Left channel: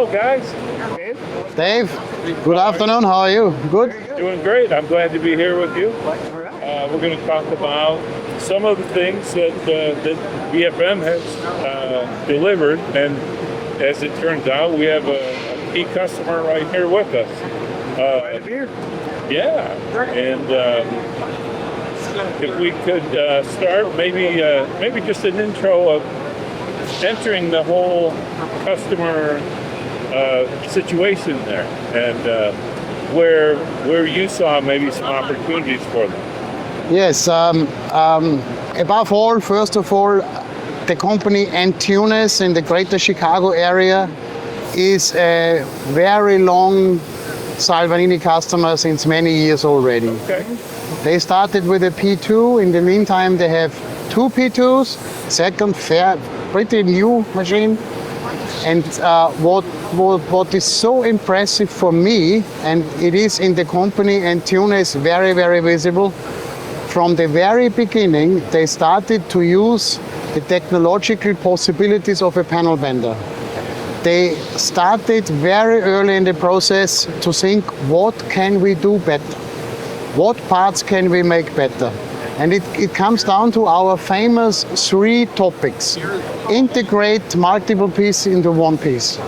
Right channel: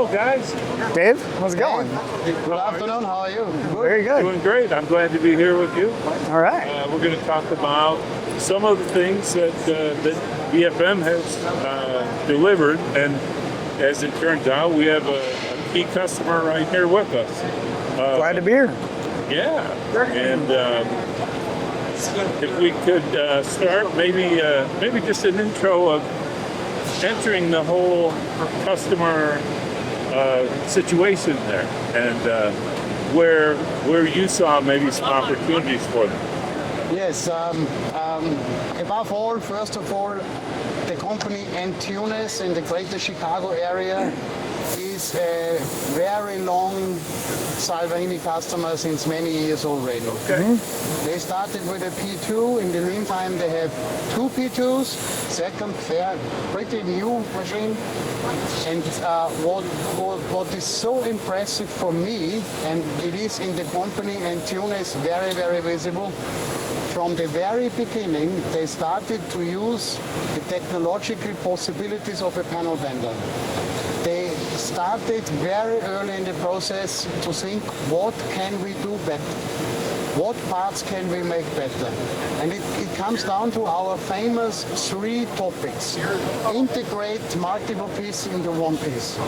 Hello, guys. Dave, how's it going? Dave, good afternoon. How are you? Good? Very good. Doing great. I'm glad to be here with you. All right. We're going to talk about some of the things that DFM has delivered, and as it turns out, we have a key customer right here with us. Glad to be here. Yeah, and if we could start, maybe just an intro of entering the whole customer situation there, and where you saw maybe some opportunities for them. Yes. Above all, first of all, the company Antunes in the greater Chicago area is a very long Salvagnini customer since many years already. Okay. They started with a P2. In the meantime, they have two P2s, second pretty new machine. And what is so impressive for me, and it is in the company Antunes very, very visible, from the very beginning, they started to use the technological possibilities of a panel bender. They started very early in the process to think, what can we do better? What parts can we make better? And it comes down to our famous three topics. Integrate multiple pieces into one piece.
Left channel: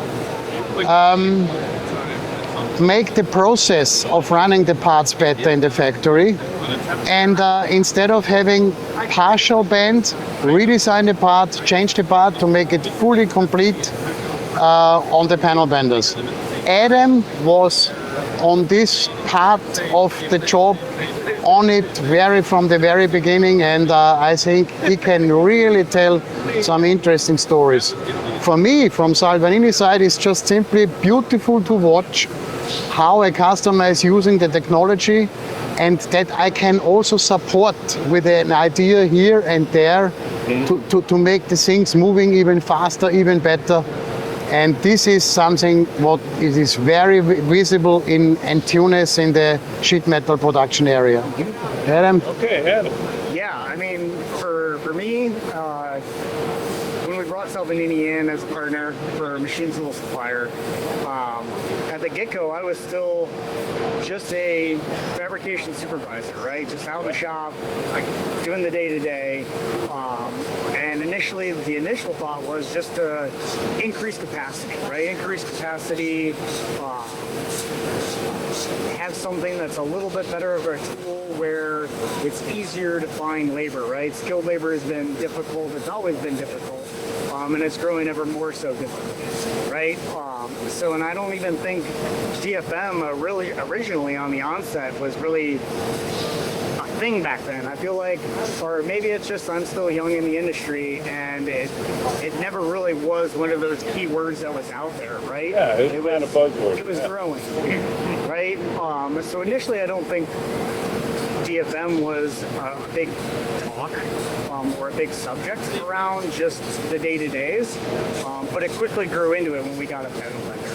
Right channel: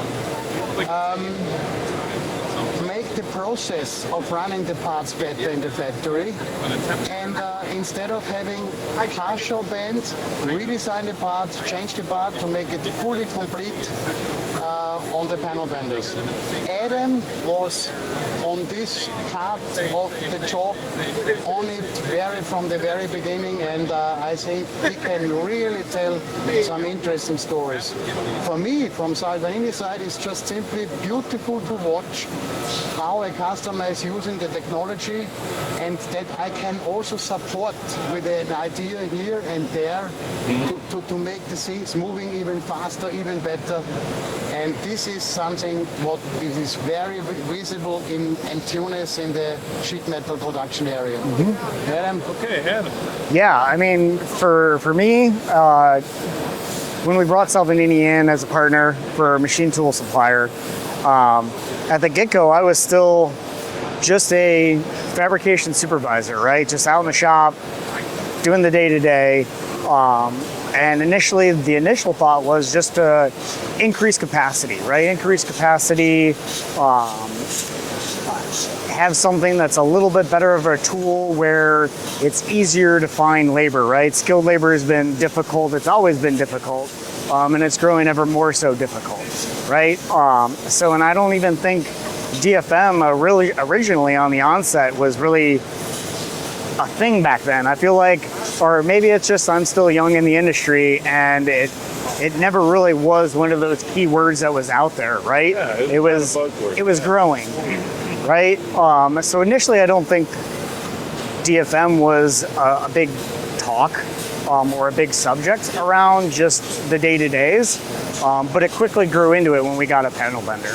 Make the process of running the parts better in the factory. And instead of having partial bend, redesign the part, change the part to make it fully complete on the panel benders. Adam was on this part of the job on it from the very beginning, and I think he can really tell some interesting stories. For me, from Salvagnini side, it's just simply beautiful to watch how a customer is using the technology, and that I can also support with an idea here and there to make the things moving even faster, even better. And this is something what it is very visible in Antunes in the sheet metal production area. Adam? Okay, Adam. Yeah, I mean, for me, when we brought Salvagnini in as a partner for a machine tool supplier, at the get-go, I was still just a fabrication supervisor, right? Just out in the shop, doing the day-to-day. And initially, the initial thought was just to increase capacity, right? Increase capacity, have something that's a little bit better of a tool where it's easier to find labor, right? Skilled labor has been difficult. It's always been difficult, and it's growing ever more so difficult, right? And I don't even think DFM really originally on the onset was really a thing back then. I feel like, or maybe it's just I'm still young in the industry, and it never really was one of those key words that was out there, right? Yeah, it was growing, right? So initially, I don't think DFM was a big talk or a big subject around just the day-to-days, but it quickly grew into it when we got a panel bender,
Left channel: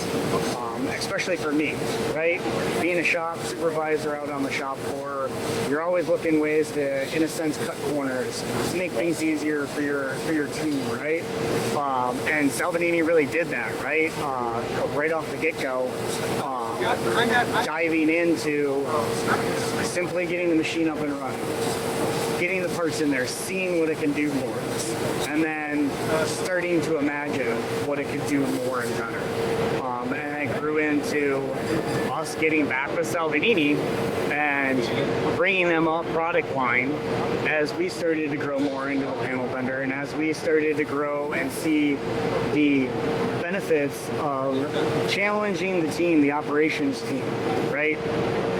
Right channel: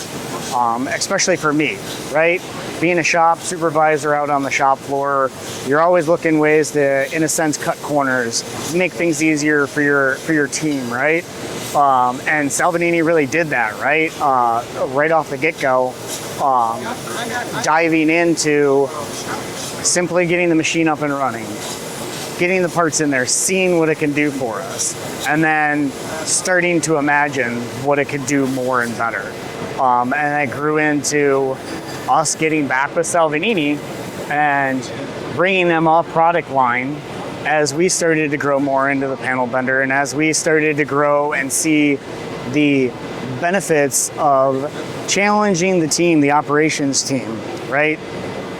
especially for me, right? Being a shop supervisor out on the shop floor, you're always looking ways to, in a sense, cut corners, make things easier for your team, right? And Salvagnini really did that, right? Right off the get-go, diving into simply getting the machine up and running, getting the parts in there, seeing what it can do for us, and then starting to imagine what it could do more and better. And I grew into us getting back with Salvagnini and bringing them off product line as we started to grow more into the panel bender, and as we started to grow and see the benefits of challenging the team, the operations team, right?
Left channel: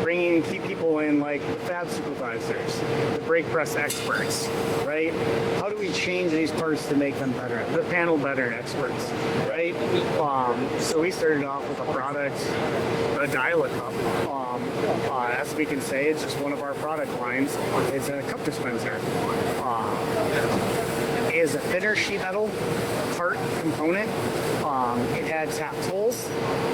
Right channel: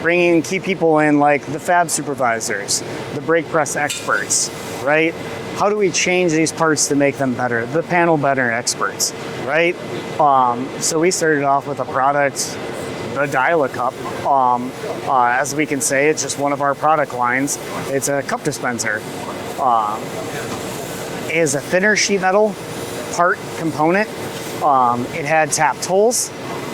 Bringing key people in like the fab supervisors, the brake press experts, right? How do we change these parts to make them better? The panel bender experts, right? So we started off with a product, the Dial-A-Cup. As we can say, it's just one of our product lines. It's a cup dispenser. It is a thinner sheet metal part component. It had tap tools.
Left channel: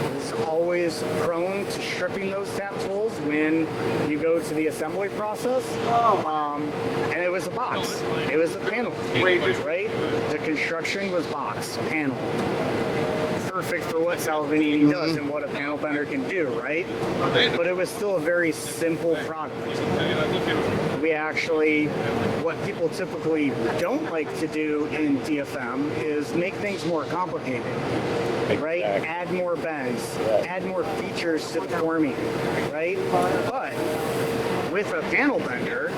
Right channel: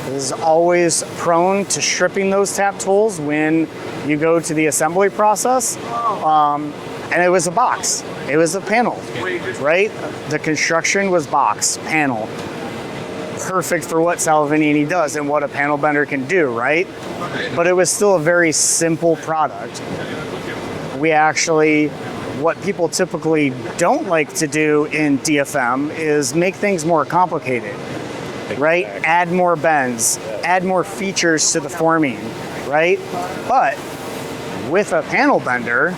It is always prone to stripping those tap tools when you go to the assembly process. And it was a box. It was a panel, right? The construction was box, panel. perfect for what Salvagnini does and what a panel bender can do, right? But it was still a very simple product. We actually, what people typically don't like to do in DFM is make things more complicated, right? Add more bends, add more features to the forming, right? But with a panel bender,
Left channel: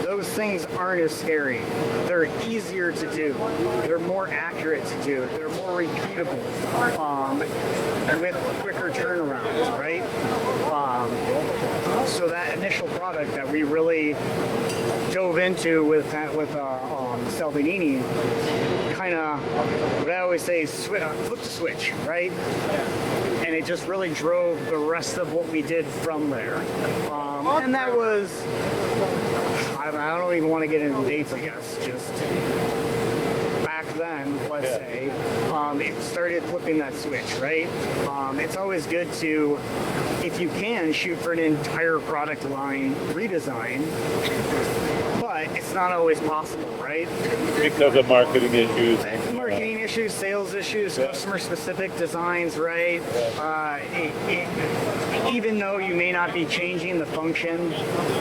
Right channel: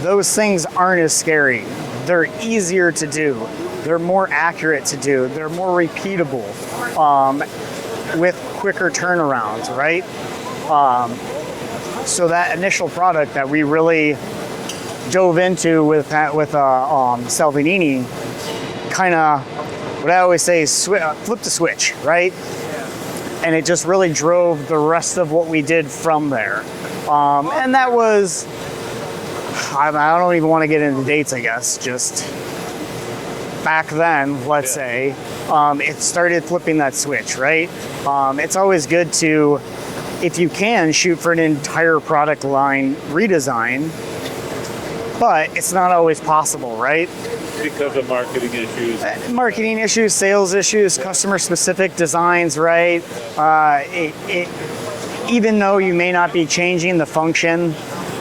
those things aren't as scary. They're easier to do. They're more accurate to do. They're more repeatable with quicker turnarounds, right? So that initial product that we really dove into with Salvagnini, kind of what I always say is flip the switch, right? And it just really drove the rest of what we did from there. And that was, I don't even want to get into dates, I guess, just back then, let's say, it started flipping that switch, right? It's always good to, if you can, shoot for an entire product line redesign, but it's not always possible, right? Because of marketing issues. Marketing issues, sales issues, customer-specific designs, right? Even though you may not be changing the function,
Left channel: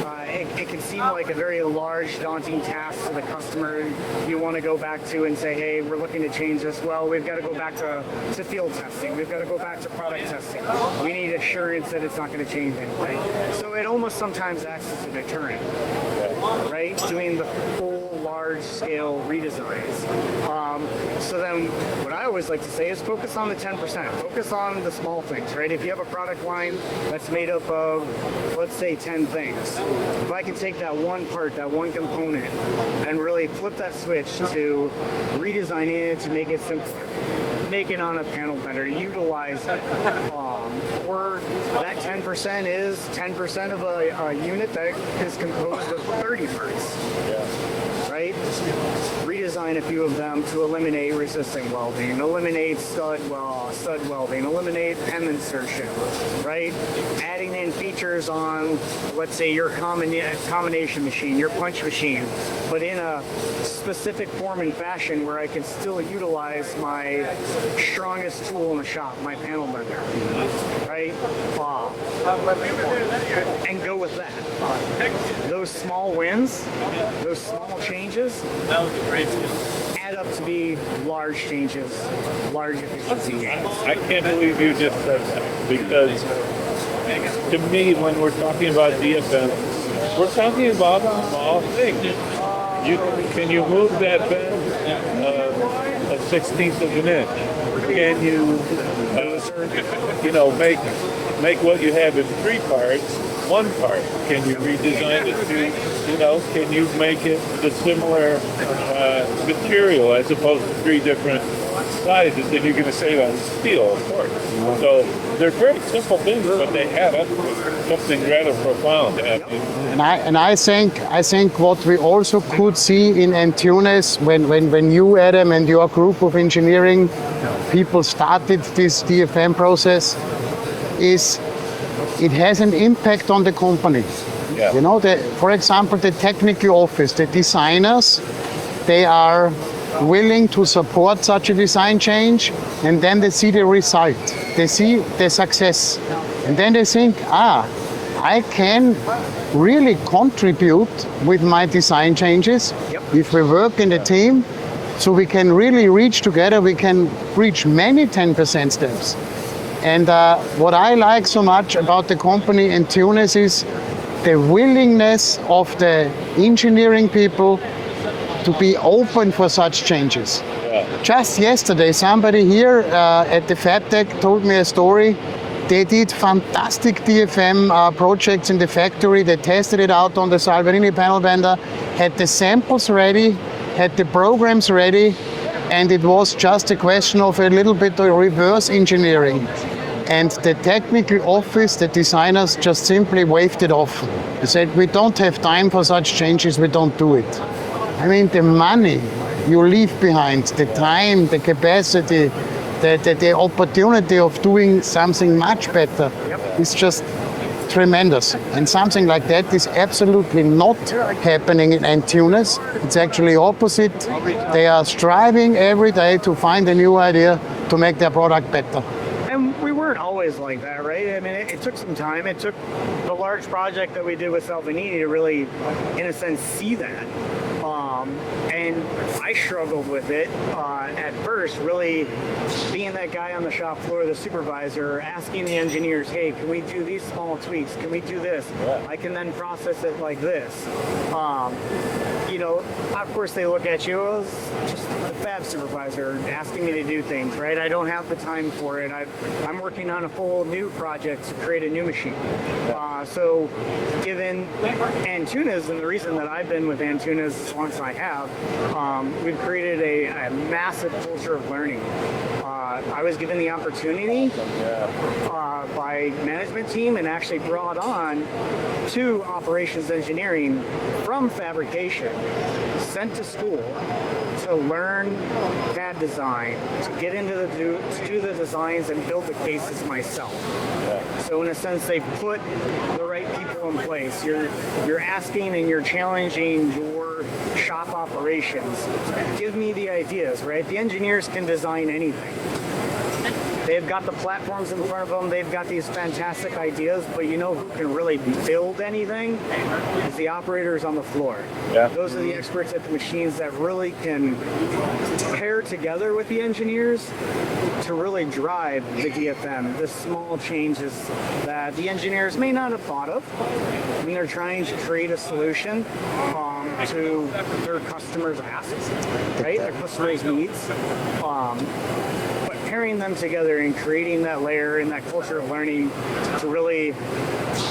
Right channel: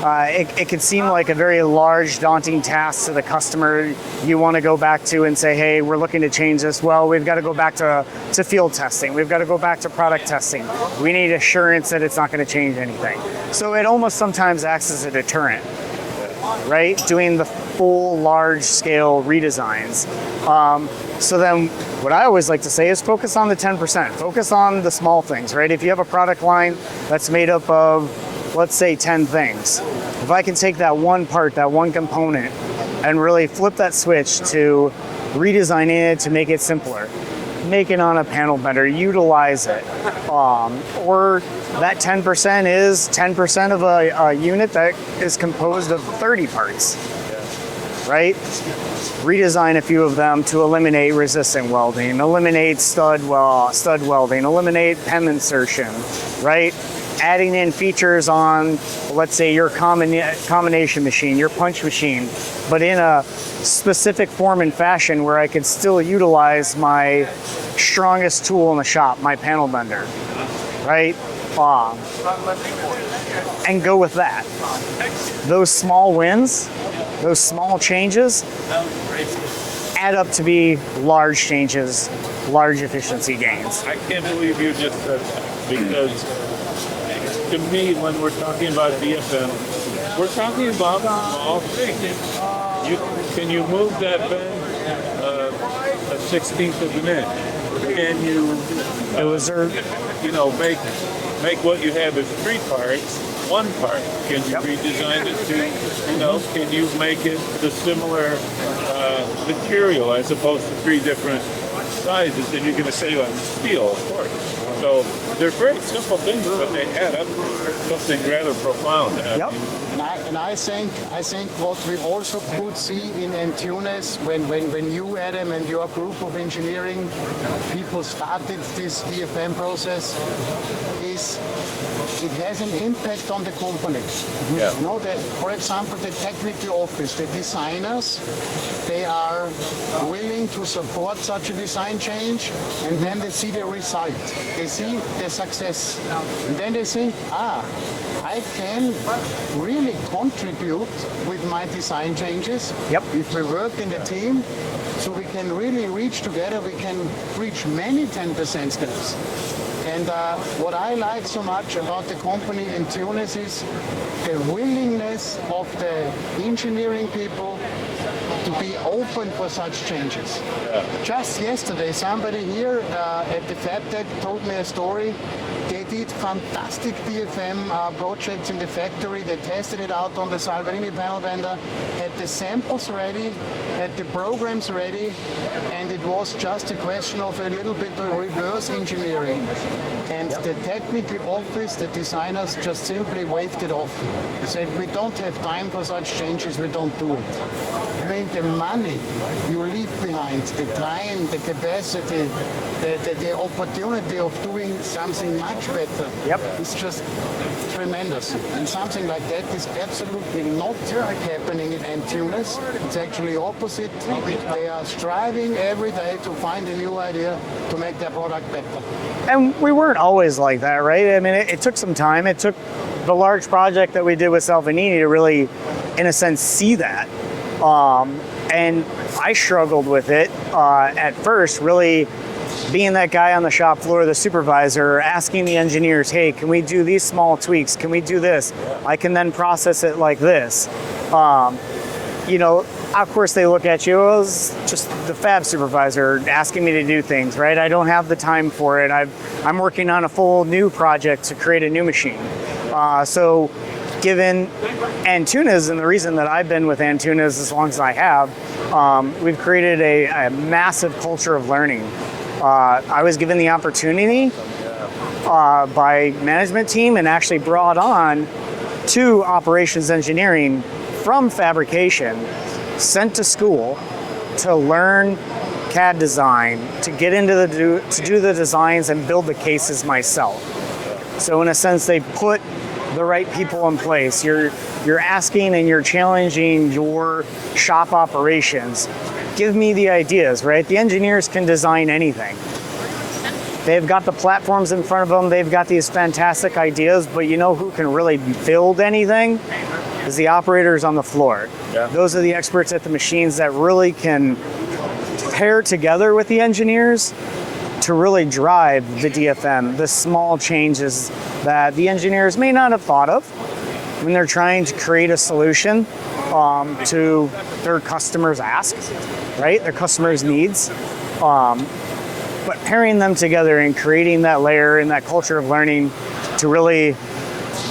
it could seem like a very large, daunting task to the customer. You want to go back to and say, hey, we're looking to change this. Well, we've got to go back to field testing. We've got to go back to product testing. We need assurance that it's not going to change anything. So it almost sometimes acts as a deterrent, right? Doing the full large-scale redesigns. So then what I always like to say is focus on the 10%. Focus on the small things, right? If you have a product line that's made up of, let's say, 10 things, if I can take that one part, that one component, and really flip that switch to redesigning it to make it simpler, make it on a panel bender, utilize it, or that 10% is 10% of a unit that is composed of 30 parts, right? Redesign a few of them to eliminate resistant welding, eliminate stud welding, eliminate PEM insertion, right? Adding in features on, let's say, your combination machine, your punch machine, but in a specific form and fashion where I could still utilize my strongest tool in the shop, my panel bender, right? And go with that. Those small wins, those small changes add up to be large changes, large efficiency gains. I can't believe you just said that, because to me, when we're talking about DFM, we're talking about small things. Can you move that bend a 16th of an inch? Can you, make what you have as 3 parts, 1 part? Can you redesign it to, can you make it the similar material as opposed to 3 different sizes? And you're going to save on steel, of course. So they're very simple things, but they add up to something rather profound. And I think what we also could see in Antunes when you, Adam, and your group of engineering people started this DFM process is it has an impact on the company. Yeah. For example, the technical office, the designers, they are willing to support such a design change, and then they see the result. They see the success. And then they think, I can really contribute with my design changes. If we work in the team, so we can really reach together, we can reach many 10% steps. And what I like so much about the company in Tunis is the willingness of the engineering people to be open for such changes. Just yesterday, somebody here at the FabTech told me a story. They did fantastic DFM projects in the factory. They tested it out on the Salvagnini panel bender, had the samples ready, had the programs ready, and it was just a question of a little bit of reverse engineering. And the technical office, the designers, just simply waved it off. They said, we don't have time for such changes, we don't do it. I mean, the money you leave behind, the time, the capacity, the opportunity of doing something much better is just tremendous. And something like that is absolutely not happening in Antunes. It's actually opposite. They are striving every day to find a new idea to make their product better. And we weren't always like that, right? I mean, it took some time. It took the large project that we did with Salvanini to really, in a sense, see that. And I struggled with it at first, really being that guy on the shop floor, the supervisor, asking the engineers, hey, can we do these small tweaks? Can we do this? Yeah. I can then process it like this. You know, of course they look at you as just the fab supervisor asking me to do things, right? I don't have the time for it. I'm working on a full new project to create a new machine. So given Antunes, and the reason that I've been with Antunes as long as I have, we've created a massive culture of learning. I was given the opportunity by management team and actually brought on to operations engineering from fabrication, sent to school to learn CAD design, to get into to do the designs and build the cases myself. So in a sense, they put the right people in place. You're asking and you're challenging your shop operations. Give me the ideas, right? The engineers can design anything. They've got the platforms in front of them. They've got these fantastic ideas, but you know who can really build anything? Is the operators on the floor. Yeah. Those are the experts at the machines that really can pair together with the engineers to really drive the DFM, the small changes that the engineers may not have thought of when they're trying to create a solution to their customers' asks, right? Their customers' needs. But pairing them together and creating that layer and that culture of learning to really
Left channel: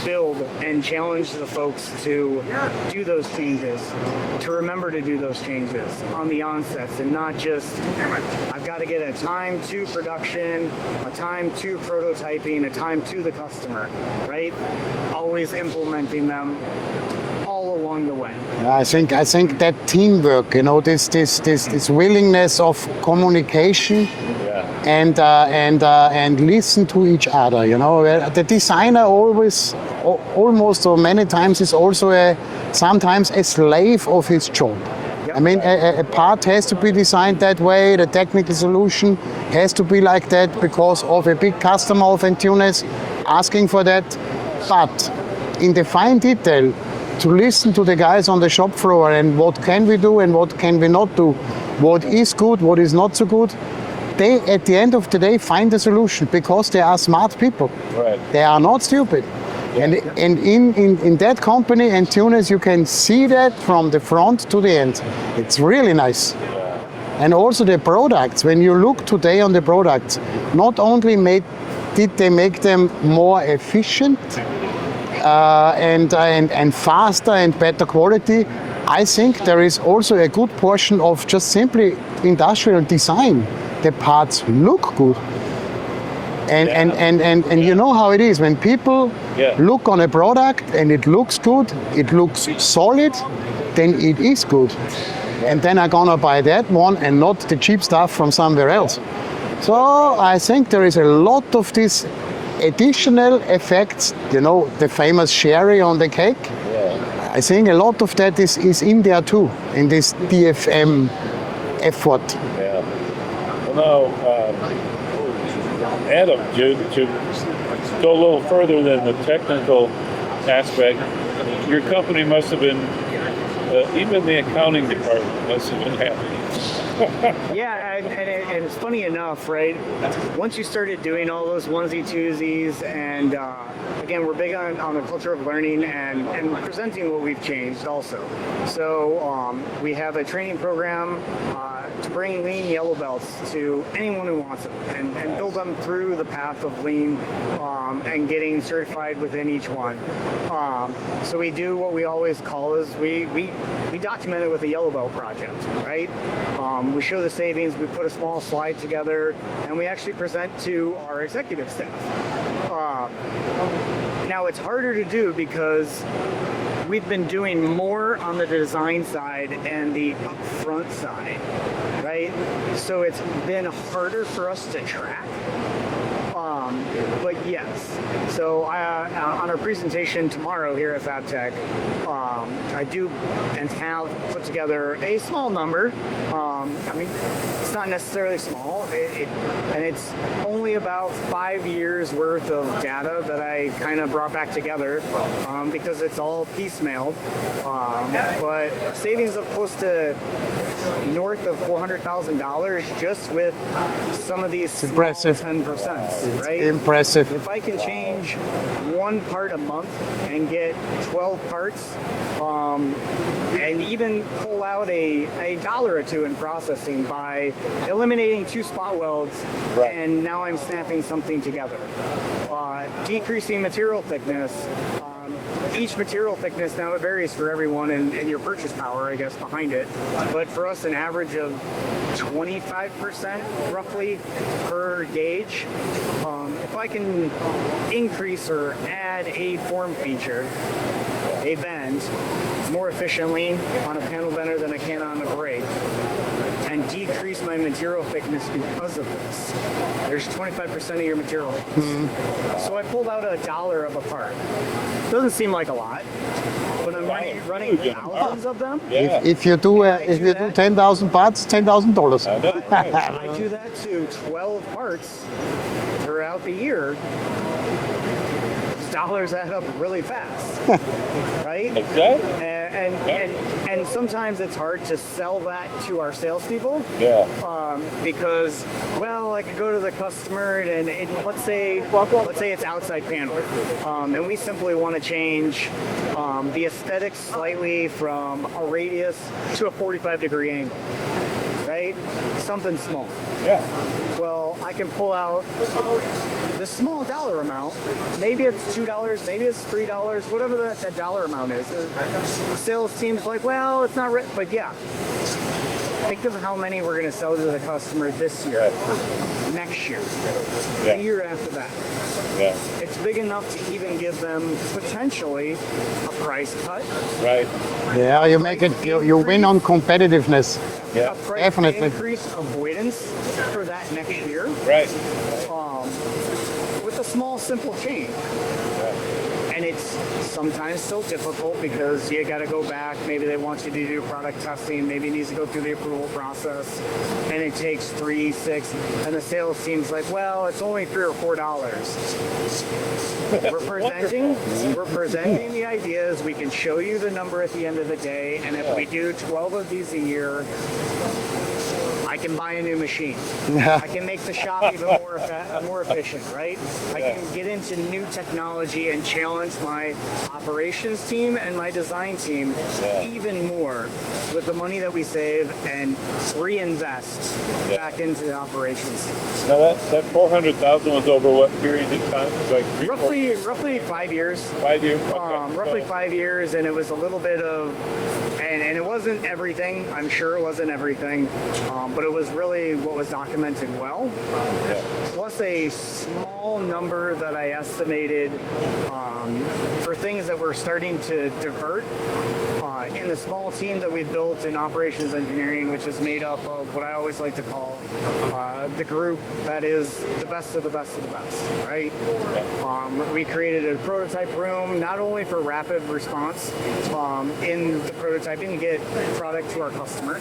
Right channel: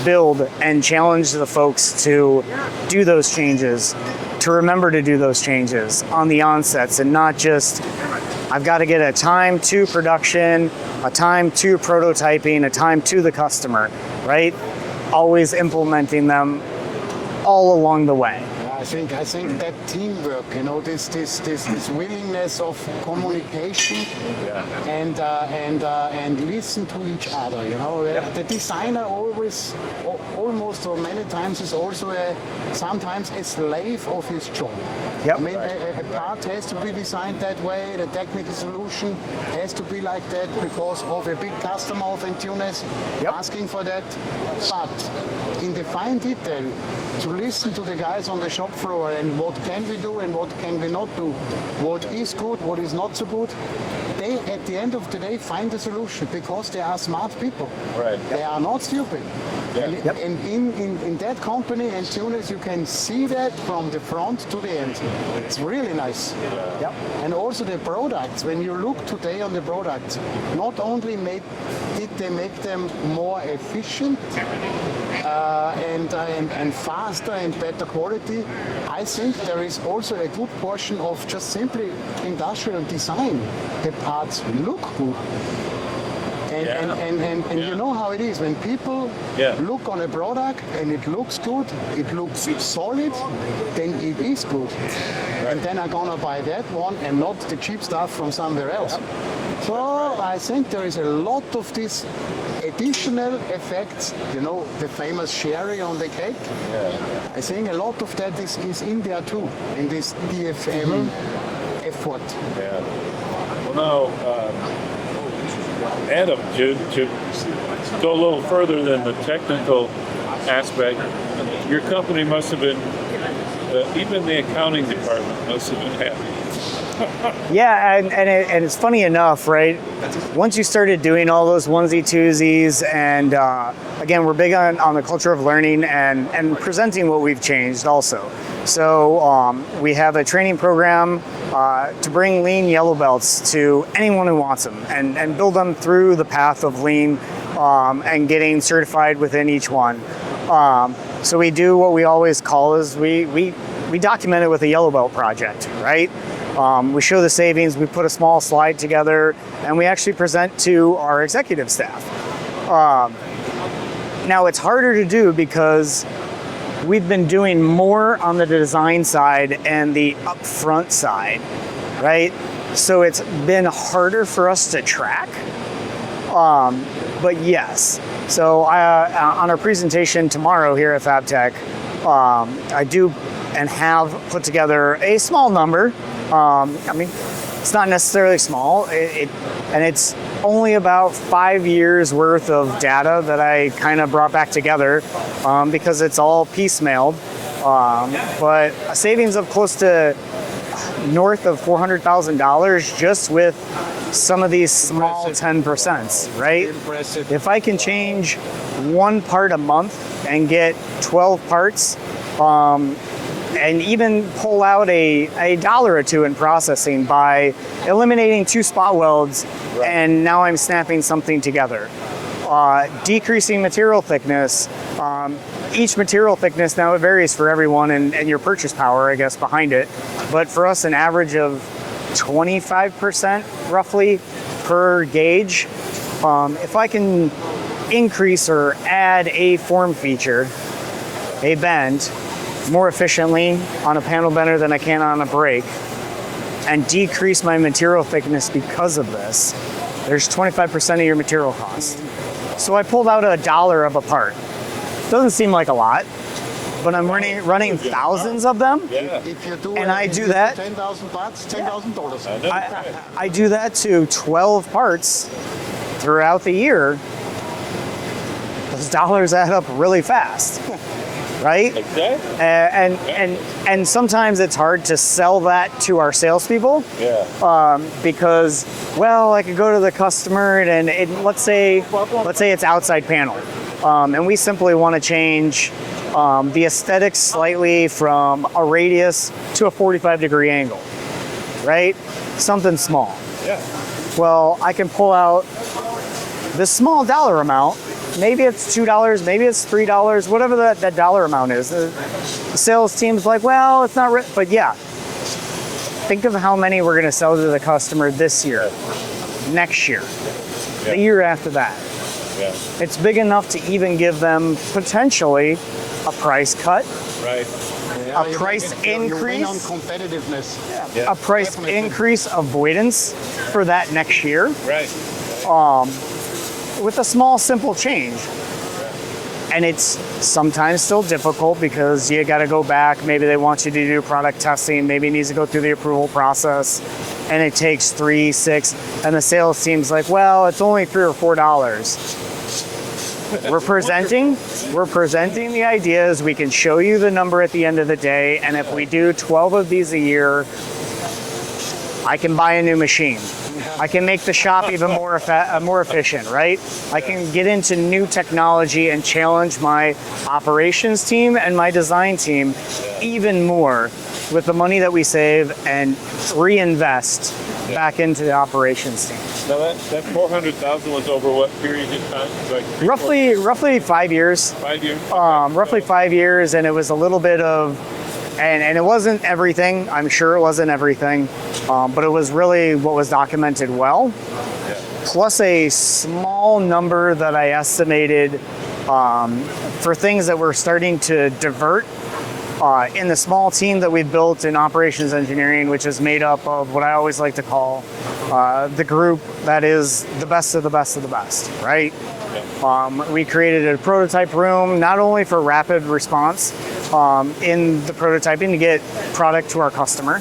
build and challenge the folks to do those changes, to remember to do those changes on the onsets and not just, I've got to get a time to production, a time to prototyping, a time to the customer, right? Always implementing them all along the way. I think that teamwork, you know, this willingness of communication and listen to each other, you know. The designer almost or many times is also sometimes a slave of his job. Yep. I mean, a part has to be designed that way. The technical solution has to be like that because of a big customer of Antunes asking for that. But in the fine detail, to listen to the guys on the shop floor and what can we do and what can we not do, what is good, what is not so good, they at the end of the day find a solution because they are smart people. Right. They are not stupid. And in that company, Antunes, you can see that from the front to the end. It's really nice. And also the products, when you look today on the products, not only did they make them more efficient, and faster and better quality, I think there is also a good portion of just simply industrial design. The parts look good. And you know how it is, when people look on a product and it looks good, it looks solid, then it is good. And then I'm gonna buy that one and not the cheap stuff from somewhere else. So I think there is a lot of this additional effects, you know, the famous sherry on the cake. I think a lot of that is in there too, in this DFM effort. Well, now, Adam, to go a little further than the technical aspect, your company must have been, even the accounting department must have been happy. Yeah, and it's funny enough, right? Once you started doing all those onesie-twosies, and again, we're big on the culture of learning and presenting what we've changed also. So we have a training program to bring lean yellow belts to anyone who wants them and build them through the path of lean and getting certified within each one. So we do what we always call is we document it with a yellow belt project, right? We show the savings, we put a small slide together, and we actually present to our executive staff. Now it's harder to do because we've been doing more on the design side and the upfront side, right? So it's been harder for us to track. But yes, so on our presentation tomorrow here at FabTech, I do and have put together a small number. I mean, it's not necessarily small, and it's only about 5 years worth of data that I kind of brought back together because it's all piecemealed. But a savings of close to north of $400,000 just with some of these small Impressive. 10%, right? Impressive. If I can change one part a month and get 12 parts, and even pull out a dollar or two in processing by eliminating 2 spot welds, Right. and now I'm snapping something together. Decreasing material thickness. Each material thickness, now it varies for everyone and your purchase power, I guess, behind it. But for us, an average of 25% roughly per gauge. If I can increase or add a form feature, a bend, more efficiently on a panel bender than I can on a brake, and decrease my material thickness because of this, there's 25% of your material cost. So I pulled out $1 of a part. Doesn't seem like a lot, but I'm running thousands of them. Yeah. If you do, And I if do you that- 10,000 parts, $10,000. I do that to 12 parts throughout the year. Those dollars add up really fast, right? Exactly. And sometimes it's hard to sell that to our salespeople. Yeah. Because, well, I could go to the customer and let's say it's outside panel, and we simply want to change the aesthetics slightly from a radius to a 45-degree angle, right? Something small. Yeah. Well, I can pull out this small dollar amount. Maybe it's $2, maybe it's $3, whatever that dollar amount is. The sales team's like, well, it's not, but yeah. Think of how many we're going to sell to the customer this year, next year, the year after that. Yeah. It's big enough to even give them potentially a price cut, Right. Yeah, you price make it. You win on increase. competitiveness. Yeah. a price Definitely. increase avoidance for that next year Right. with a small, simple change. And it's sometimes still difficult because you got to go back. Maybe they want you to do product testing. Maybe it needs to go through the approval process, and it takes 3, 6. And the sales team's like, well, it's only $3 or $4. We're presenting the ideas. We can show you the number at the end of the day. And if we do 12 of these a year, I can buy a new machine. I can make the shop even more efficient, right? I can get into new technology and challenge my operations team and my design team even more with the money that we save and reinvest back into the operations team. Now that 400,000 was over what period of time? Like Roughly 5 years. 5 years. Roughly 5 years, and it was a little bit of, and it wasn't everything. I'm sure it wasn't everything, but it was really what was documented well. Yeah. Plus a small number that I estimated for things that we're starting to divert in the small team that we built in operations engineering, which is made up of what I always like to call the group that is the best of the best of the best, right? We created a prototype room not only for rapid response in the prototyping to get product to our customer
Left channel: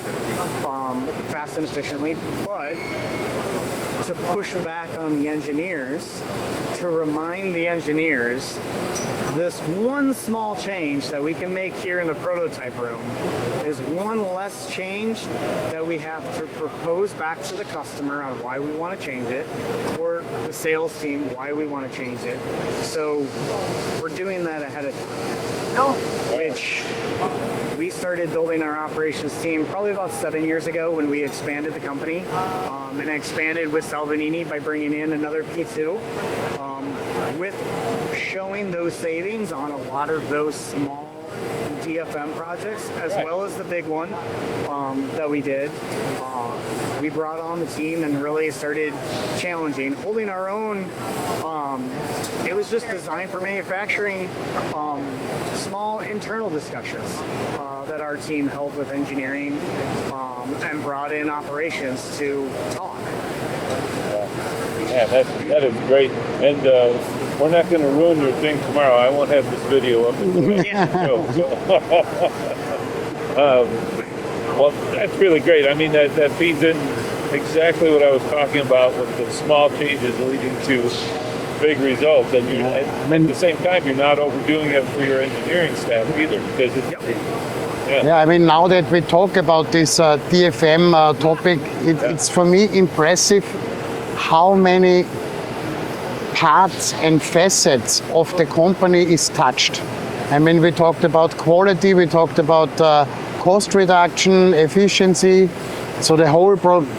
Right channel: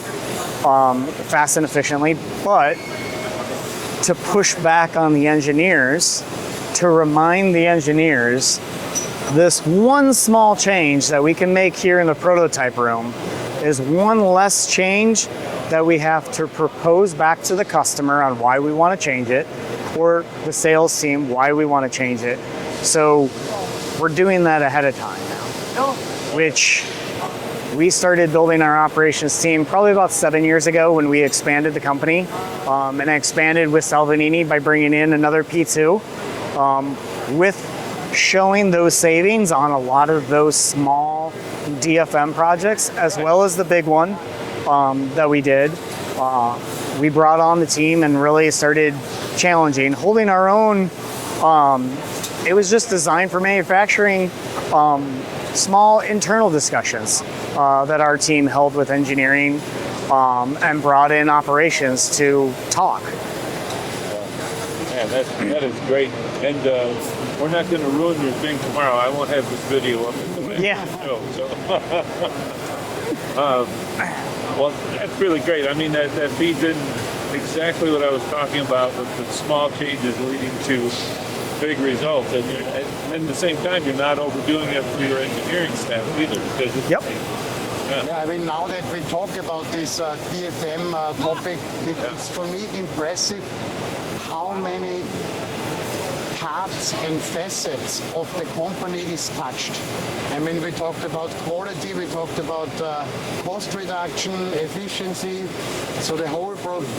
fast and efficiently, but to push back on the engineers, to remind the engineers this one small change that we can make here in the prototype room is one less change that we have to propose back to the customer on why we want to change it, or the sales team why we want to change it. So we're doing that ahead of time now, which we started building our operations team probably about 7 years ago when we expanded the company, and I expanded with Salvanini by bringing in another P2 with showing those savings on a lot of those small DFM projects, as well as the big one that we did. We brought on the team and really started challenging, holding our own. It was just designed for manufacturing, small internal discussions that our team held with engineering and brought in operations to talk. Yeah, that is great. And we're not going to ruin your thing tomorrow. I won't have this video up until after Yeah. the show. So, well, that's really great. I mean, that feeds in exactly what I was talking about with the small changes leading to big results. And at the same time, you're not overdoing it for your engineering staff either. Because it's, Yep. Yeah, I mean, now that we talk about this DFM topic, it's for me impressive how many parts and facets of the company is touched. I mean, we talked about quality, we talked about cost reduction, efficiency. So the whole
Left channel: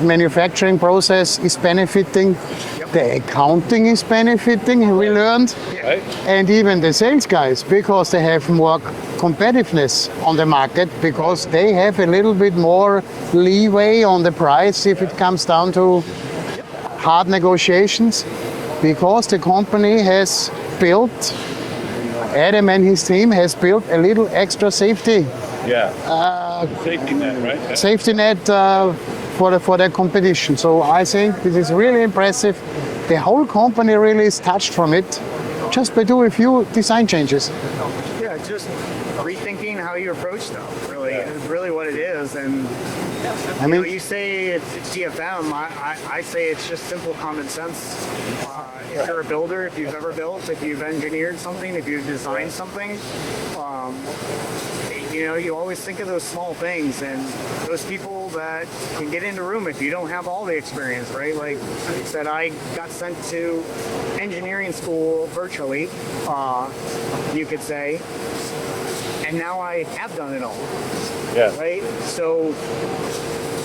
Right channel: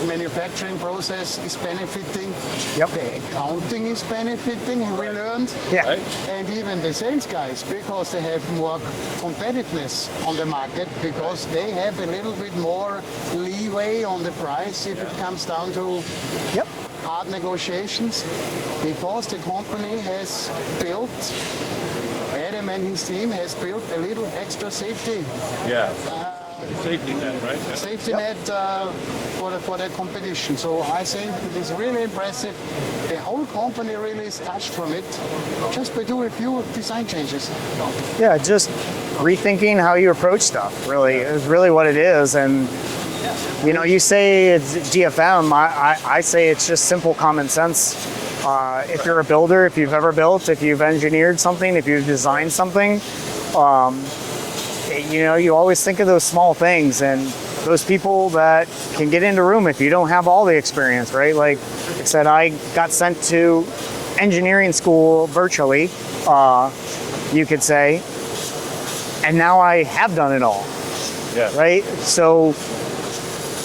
manufacturing process is benefiting. Yep. The accounting is benefiting, we learned. Yeah. right? And even the sales guys, because they have more competitiveness on the market, because they have a little bit more leeway on the price if it comes down to Yep. hard negotiations, because the company has built, Adam and his team has built a little extra safety Safety net, right? safety net for the competition. So I think this is really impressive. The whole company really is touched from it, just by doing a few design changes. Yeah, just rethinking how you approach stuff. Really, is really what it is. And you know, you say it's DFM. I say it's just simple common sense. If you're a builder, if you've ever built, if you've engineered something, if you've designed something, you know, you always think of those small things and those people that can get into a room if you don't have all the experience, right? Like I said, I got sent to engineering school virtually, you could say, and now I have done it all, Yeah. right? So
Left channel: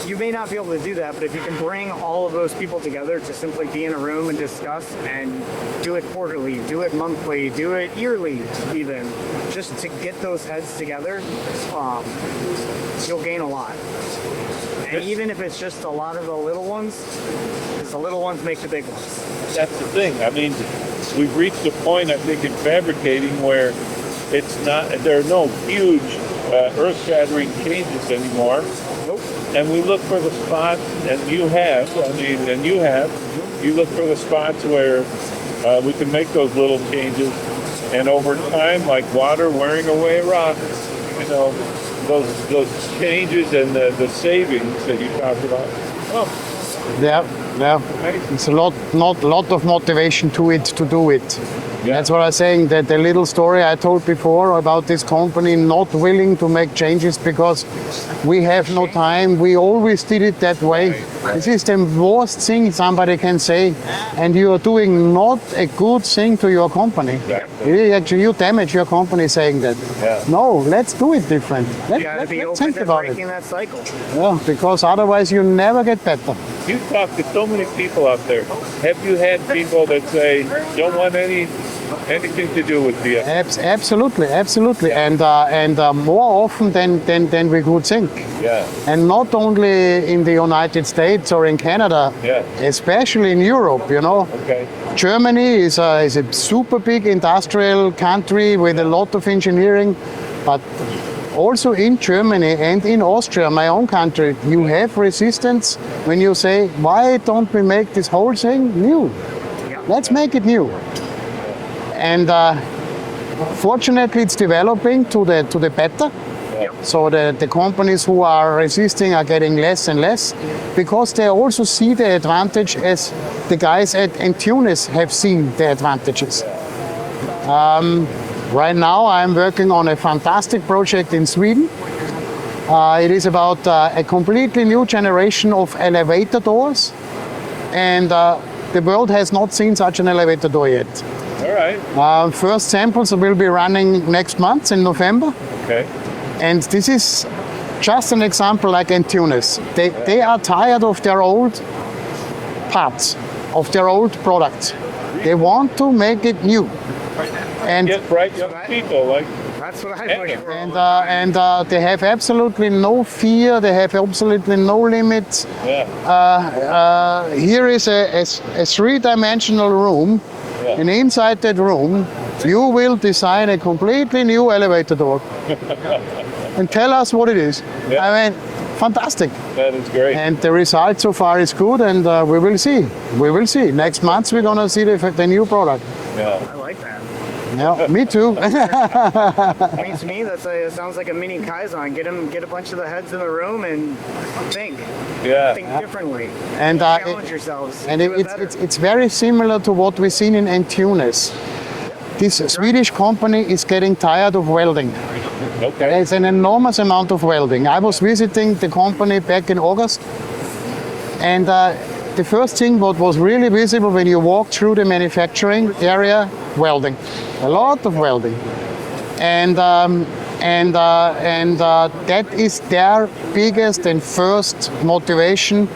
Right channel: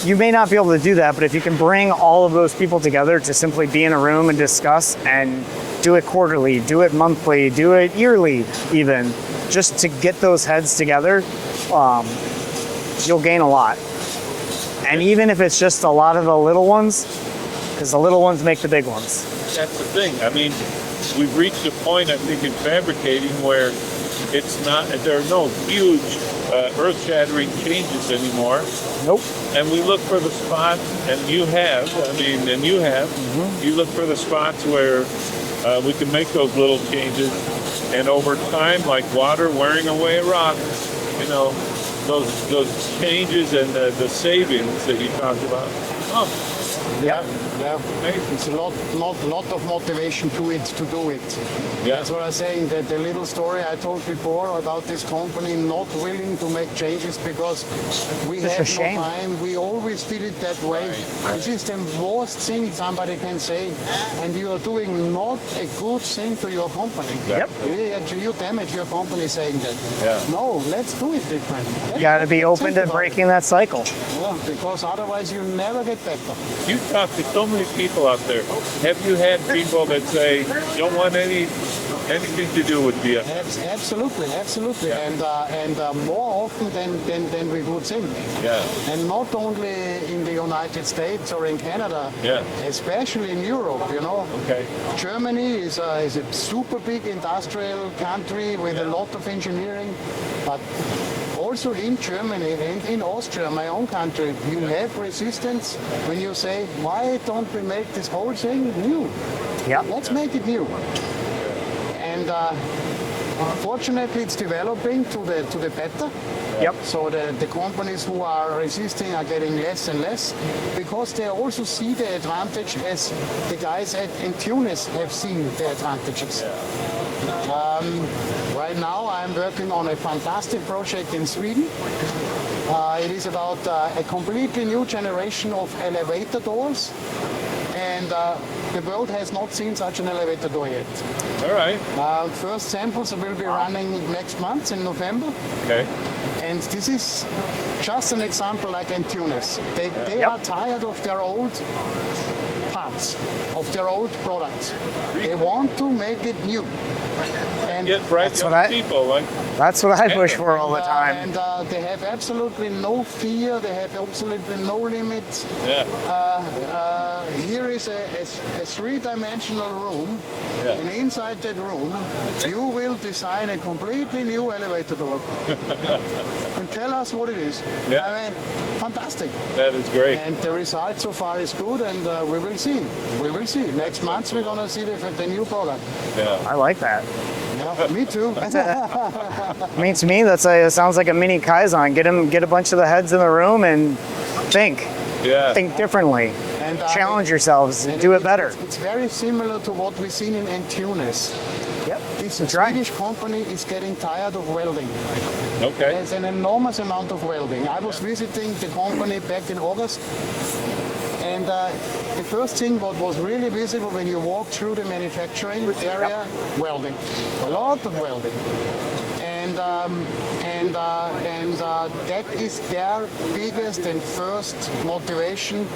you may not be able to do that, but if you can bring all of those people together to simply be in a room and discuss and do it quarterly, do it monthly, do it yearly even, just to get those heads together, you'll gain a lot. And even if it's just a lot of the little ones, because the little ones make the big ones. That's the thing. I mean, we've reached a point, I think, in fabricating where it's not, there are no huge earth-shattering changes anymore. Nope. And we look for the spots, and you have, you look for the spots where we can make those little changes. And over time, like water wearing away a rock, you know, those changes and the savings that you talked about. Oh, Yeah, yeah. amazing. It's a lot of motivation to it to do it. Yeah. That's what I'm saying. That the little story I told before about this company not willing to make changes because we have no shame. time. We always did it that way. Right. This is the worst thing somebody can say, and you are doing not a good thing to your company. Yep. It is actually you damage your company saying that. Yeah. No, let's do it different. You got to be Let's open think to about breaking that cycle. it. Yeah, because otherwise you never get better. You talk to so many people out there. Have you had people that say don't want anything to do with DFM? Absolutely, and more often than we could think. Yeah. And not only in the United States or in Canada, Yeah. especially in Europe. You know, Okay. Germany is a super big industrial country with a lot of engineering, but also in Germany and in Austria, my own country, you have resistance when you say, why don't we make this whole thing new? Yeah. Let's make it new. And fortunately, it's developing to the better. Yep. So the companies who are resisting are getting less and less because they also see the advantage as the guys at Entunis have seen the advantages. Right now, I'm working on a fantastic project in Sweden. It is about a completely new generation of elevator doors, and the world has not seen such an elevator door yet. All right. First samples will be running next month in November, Okay. and this is just an example like Entunis. They are tired of their old parts, of their old products. They want to make it new. And Get bright That's what young I- people like. That's what I push for all the time. and they have absolutely no fear. They have absolutely no limits. Yeah. Here is a three-dimensional room, Yeah. and inside that room, you will design a completely new elevator door. And tell us what it is. Yeah. I mean, fantastic. That is great. And the result so far is good, and we will see. We will see. Next month we're gonna see the new product. Yeah. I like that. Yeah, me too. I mean, to me, it sounds like a mini Kaizen. Get a bunch of the heads in the room and think Yeah. differently, And challenge yourselves, And do it better. It's very similar to what we've seen in Antunes. Yep. This That's Swedish company is getting tired of welding. Okay. There's an enormous amount of welding. I was visiting the company back in August, and the first thing what was really visible when you walk through the manufacturing area, welding, a lot of welding, and that is their biggest and first motivation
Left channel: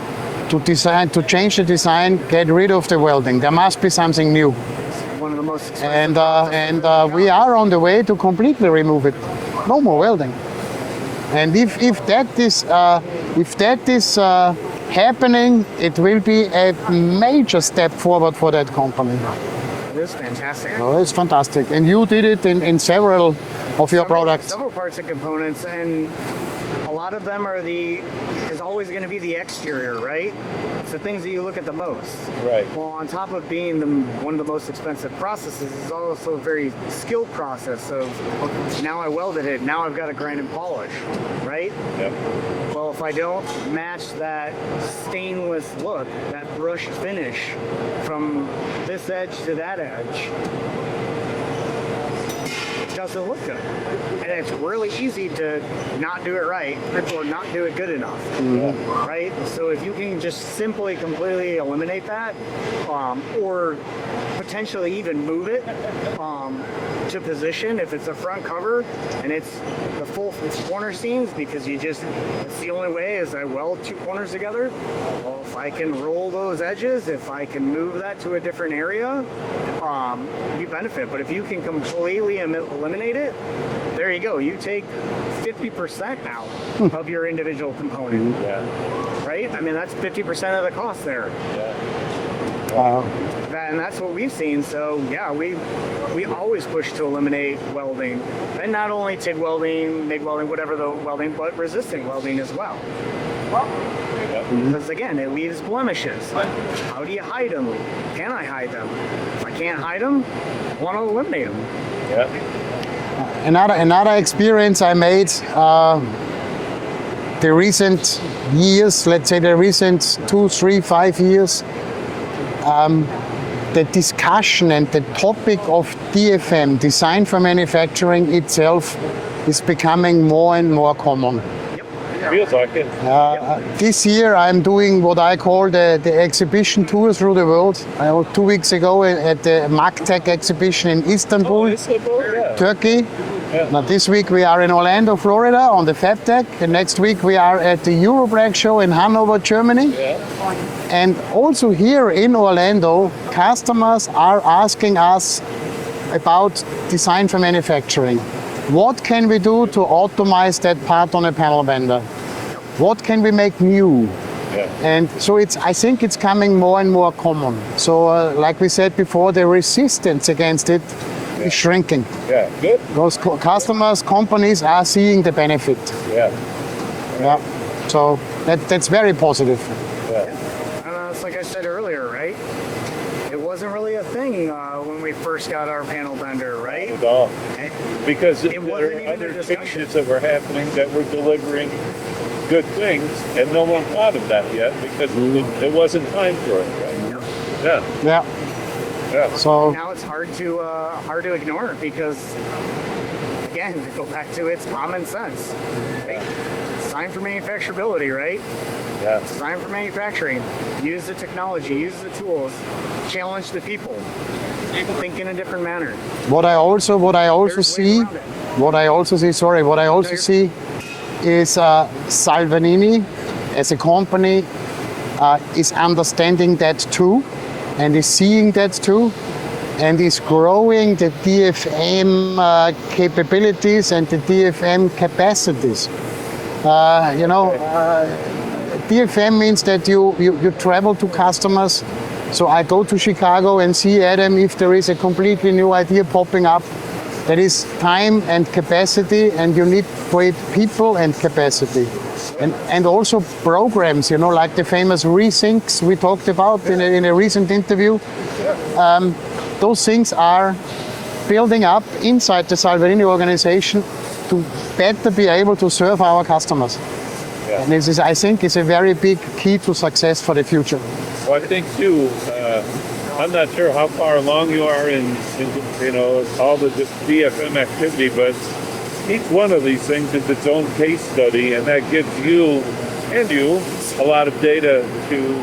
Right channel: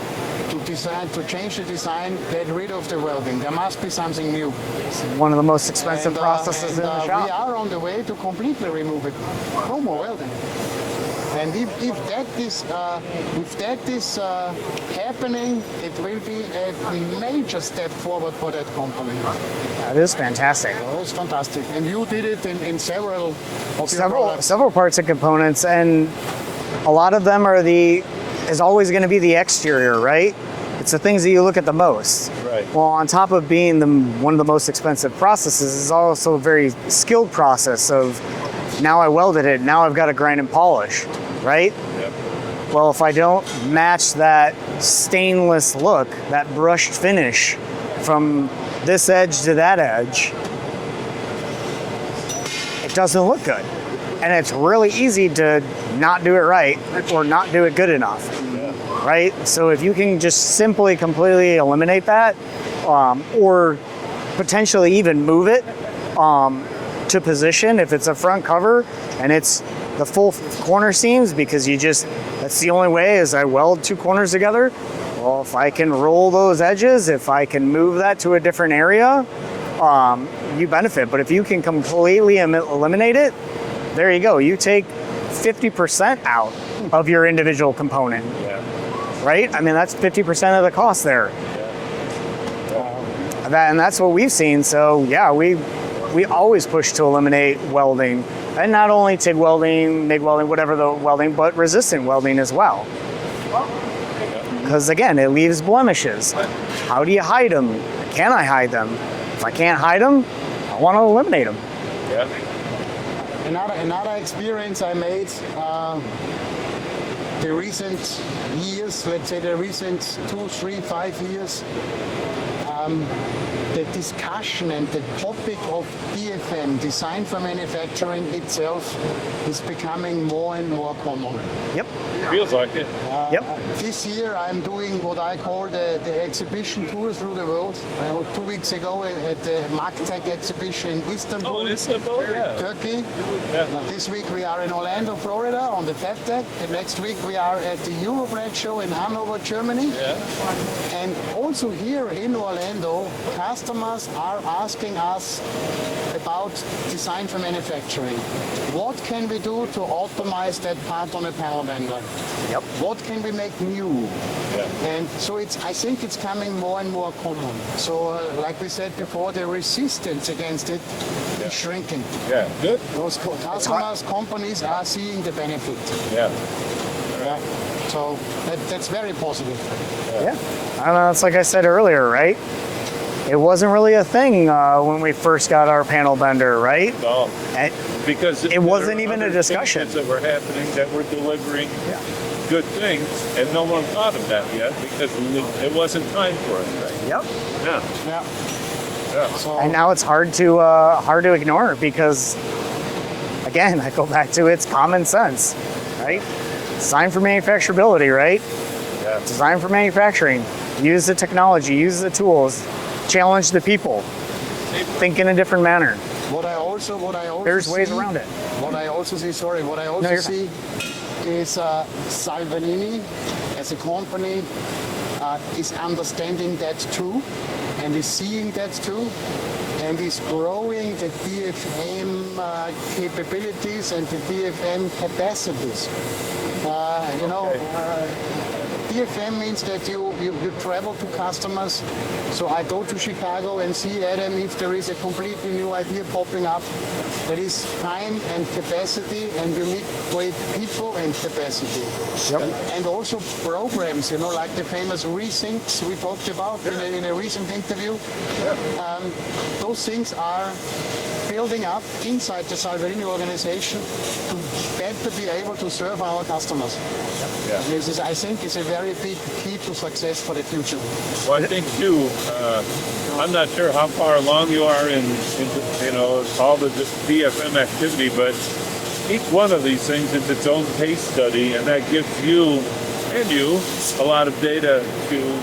to change the design, get rid of the welding. There must be something new. One of the most expensive And, processes in the shop. we are on the way to completely remove it. No more welding. And if that is happening, it will be a major step forward for that company. That is fantastic. Oh, it's fantastic. And you did it in several of your products. Several parts and components, and a lot of them is always going to be the exterior, right? It's the things that you look at the most. Right. Well, on top of being one of the most expensive processes, it's also a very skilled process of now I welded it, now I've got to grind and polish, right? Yeah. Well, if I don't match that stainless look, that brushed finish from this edge to that edge, it doesn't look good. And it's really easy to not do it right or not do it good enough, right? So if you can just simply completely eliminate that, or potentially even move it to position if it's a front cover and it's the full corner seams, because that's the only way is I weld two corners together. Well, if I can roll those edges, if I can move that to a different area, you benefit. But if you can completely eliminate it, there you go. You take 50% out of your individual component, right? I mean, that's 50% of the cost there. And that's what we've seen. So yeah, we always push to eliminate welding, and not only TIG welding, MIG welding, whatever the welding, but resistant welding as well. Because again, it leaves blemishes. How do you hide them? Can I hide them? If I can't hide them, I want to eliminate them. Yeah. Another experience I made the recent years, let's say the recent 2, 3, 5 years, the discussion and the topic of DFM, design for manufacturing itself, is becoming more and more common. Yep. Feels like it. This year I'm doing what I call the exhibition tour through the world. I was 2 weeks ago at the MagTech exhibition in Istanbul, Oh, Istanbul, yeah. Turkey. Yeah. Now this week we are in Orlando, Florida on the FabTech. The next week we are at the Eurobrag show in Hanover, Germany. Yeah. And also here in Orlando, customers are asking us about design for manufacturing. What can we do to optimize that part on a panel bender? Yep. What can we make new? Yeah. And so I think it's coming more and more common. So like we said before, the resistance against it is shrinking. Yeah. Good. Those customers, companies are seeing the benefit. Yeah. Yeah. So that's very positive. Yeah. And it's like I said earlier, right? It wasn't really a thing when we first got our panel bender, right? At all. And Because It wasn't there are even a other discussion. changes that were happening that were delivering good things, and no one thought of that yet because it wasn't time for it, right? Yep. Yeah. Yeah. Yeah. So And now it's hard to ignore it because, again, I go back to it's common sense, right? Design for manufacturability, right? Yeah. Design for manufacturing. Use the technology, use the tools, challenge the people, think in a different manner. what I also There's ways see, around it. what I also you're see is Salvanini as a company is understanding that too, and is seeing that too, and is growing the DFM capabilities and the DFM capacities. DFM means that you travel to customers. So I go to Chicago and see Adam if there is a completely new idea popping up. That is time and capacity, and you need great people and capacity. And also programs, like the famous rethinks we talked about in a recent interview. Those things are building up inside the Salvarini organization to better be able to serve our customers. Yeah. And this is, I think, is a very big key to success for the future. Well, I think too. I'm not sure how far along you are in all the DFM activity, but each one of these things is its own case study, and that gives you a lot of data to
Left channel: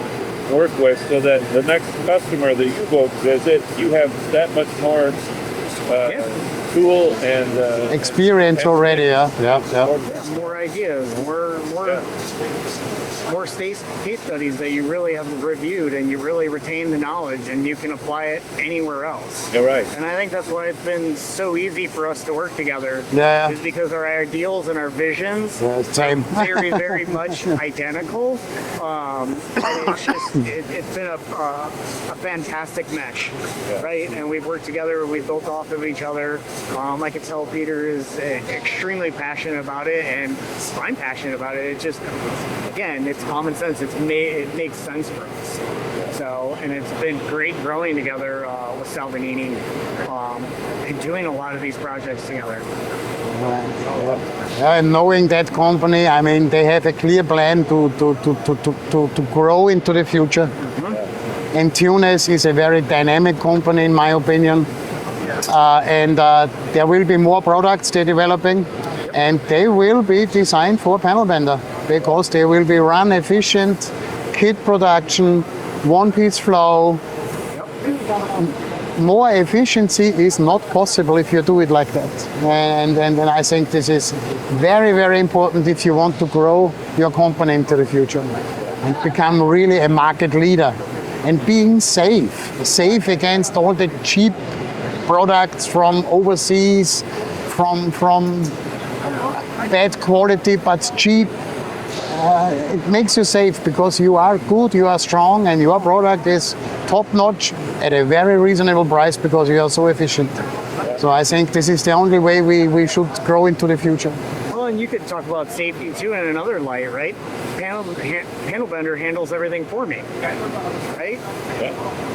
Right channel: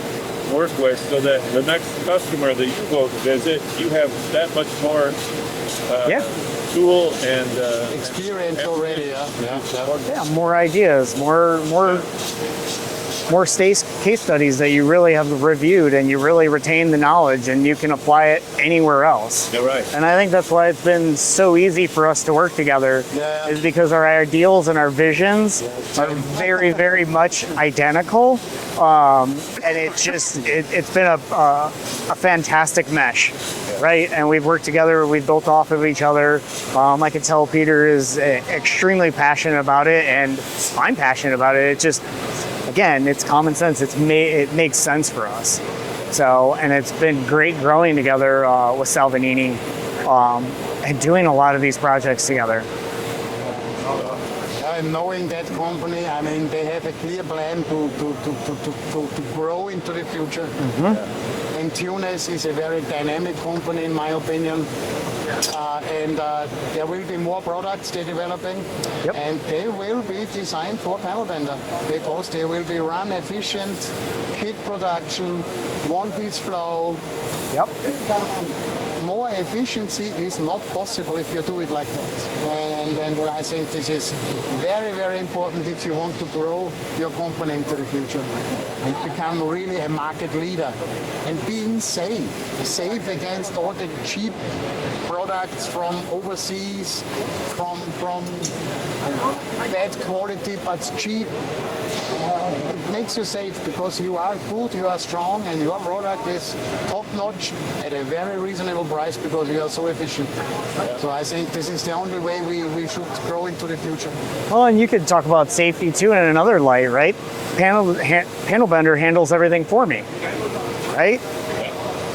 work with, so that the next customer that you go visit, you have that much more tool and Experience already, yeah. Yeah, more ideas, more case studies that you really have reviewed, and you really retain the knowledge, and you can apply it anywhere else. You're right. And I think that's why it's been so easy for us to work together. Yeah. Is because our ideals and our visions are very, very much identical. And it's been a fantastic mesh, right? And we've worked together, we've built off of each other. I can tell Peter is extremely passionate about it, and I'm passionate about it. It just, again, it's common sense. It makes sense for us. So, and it's been great growing together with Salvagnini and doing a lot of these projects together. Yeah, and knowing that company, I mean, they have a clear plan to grow into the future. Mm-hmm. And Tunes is a very dynamic company, in my opinion. And there will be more products they're developing, and they will be designed for panel bender because they will be run efficient, kit production, one-piece flow. Yep. More efficiency is not possible if you do it like that. And I think this is very, very important if you want to grow your company into the future and become really a market leader. And being safe against all the cheap products from overseas, from bad quality but cheap. It makes you safe because you are good, you are strong, and your product is top-notch at a very reasonable price because you are so efficient. So I think this is the only way we should grow into the future. Well, and you could talk about safety too in another light, right? Panel bender handles everything for me, right?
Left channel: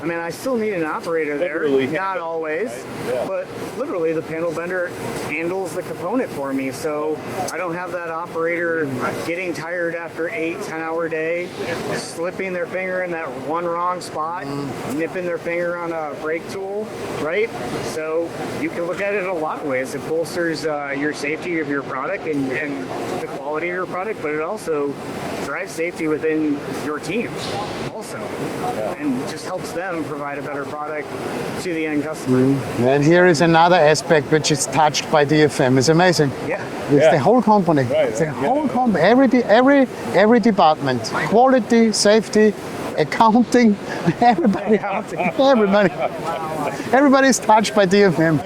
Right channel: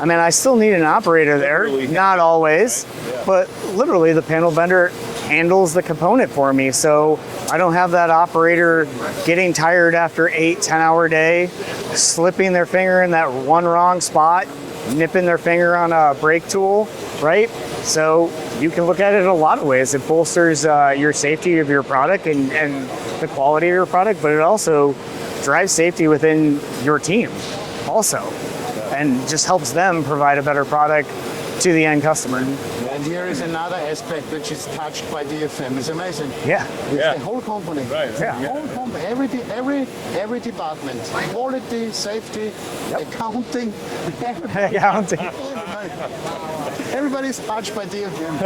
I mean, I still need an operator there, not always, but literally the panel bender handles the component for me. So I don't have that operator getting tired after 8-10-hour day, slipping their finger in that one wrong spot, nipping their finger on a brake tool, right? So you can look at it a lot of ways. It bolsters your safety of your product and the quality of your product, but it also drives safety within your team also, and just helps them provide a better product to the end customer. And here is another aspect which is touched by DFM. It's amazing. Yeah. It's the whole company. Right. It's the whole company. Every department. Quality, safety, accounting, everybody. Everybody's touched by DFM.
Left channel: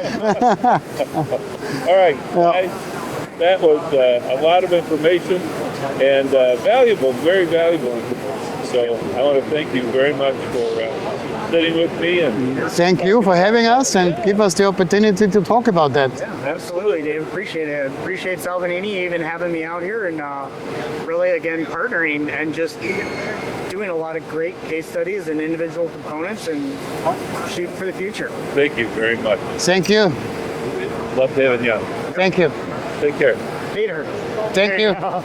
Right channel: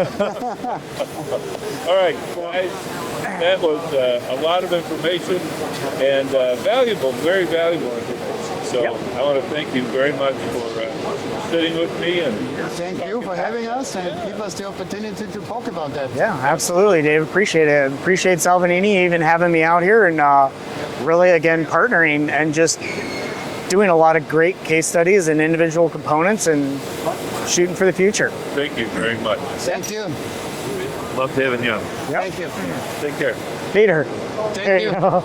All right, guys, that was a lot of information and valuable, very valuable information. So I want to thank you very much for sitting with me. And Thank you for having us and give us the opportunity to talk about that. Yeah, absolutely, Dave. Appreciate it. Appreciate Salvagnini even having me out here and really, again, partnering and just doing a lot of great case studies and individual components and shooting for the future. thank you very much. Thank you. Love having you. Thank you. Take care. Peter. Thank there you. go.